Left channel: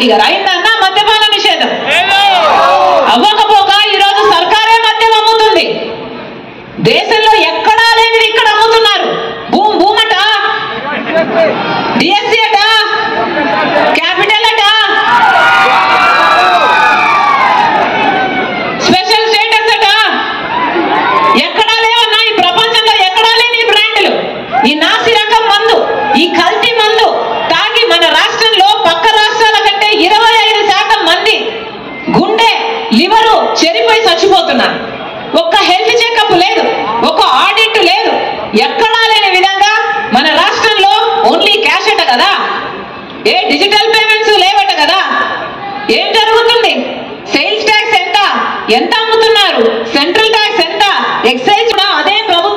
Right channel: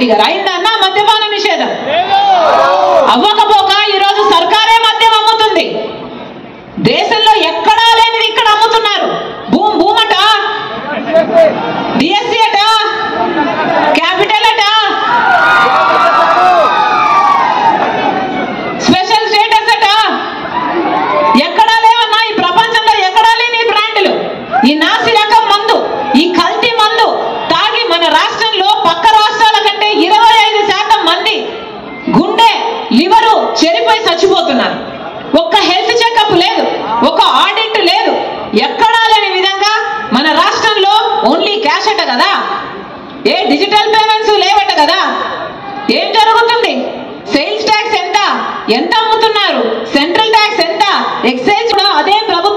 రెడ్డి గారు అయిందన్నా మద్యపాన నిషేధం అవ్వకపోగా ఈరోజు సర్కారే మద్యం అమ్ముతుంది. దేశంలో ఎక్కడా లేనిది ఇక్కడ అమ్ముతున్నారు. భూమట, డిఎస్సీ అట, క్యాపిటల్ అట, స్పెషల్ స్టేటస్ అట, ఎక్కడా లేవన్నా ఈ ప్రపంచంలో ఎక్కడా లేని బ్రాండ్లు. ఈ నాసి రకం మందు, ఈ కల్తీ మందు తాగి మన రాష్ట్రంలో పక్క రాష్ట్రాల కంటే 25% మంది గుండె లివరు చెరిపోయి చచ్చిపోతున్నారు. ఒక్క హెల్త్ చెకప్ లేదు, ఒక ఆడిట్ లేదు, ఎక్కడా లేని విధంగా మన రాష్ట్రంలో ఓన్లీ క్యాష్ అట కదా, ఏ డిజిటల్ పేమెంట్స్ లేవట కదా. ఏం జరుగుతుంది? సేల్స్ ట్యాక్స్ ఎంత అమ్ముతున్నారు, సెంట్రల్ ట్యాక్స్ ఎంత, ఎక్సైజ్ కూడా అదే ప్రభుత్వం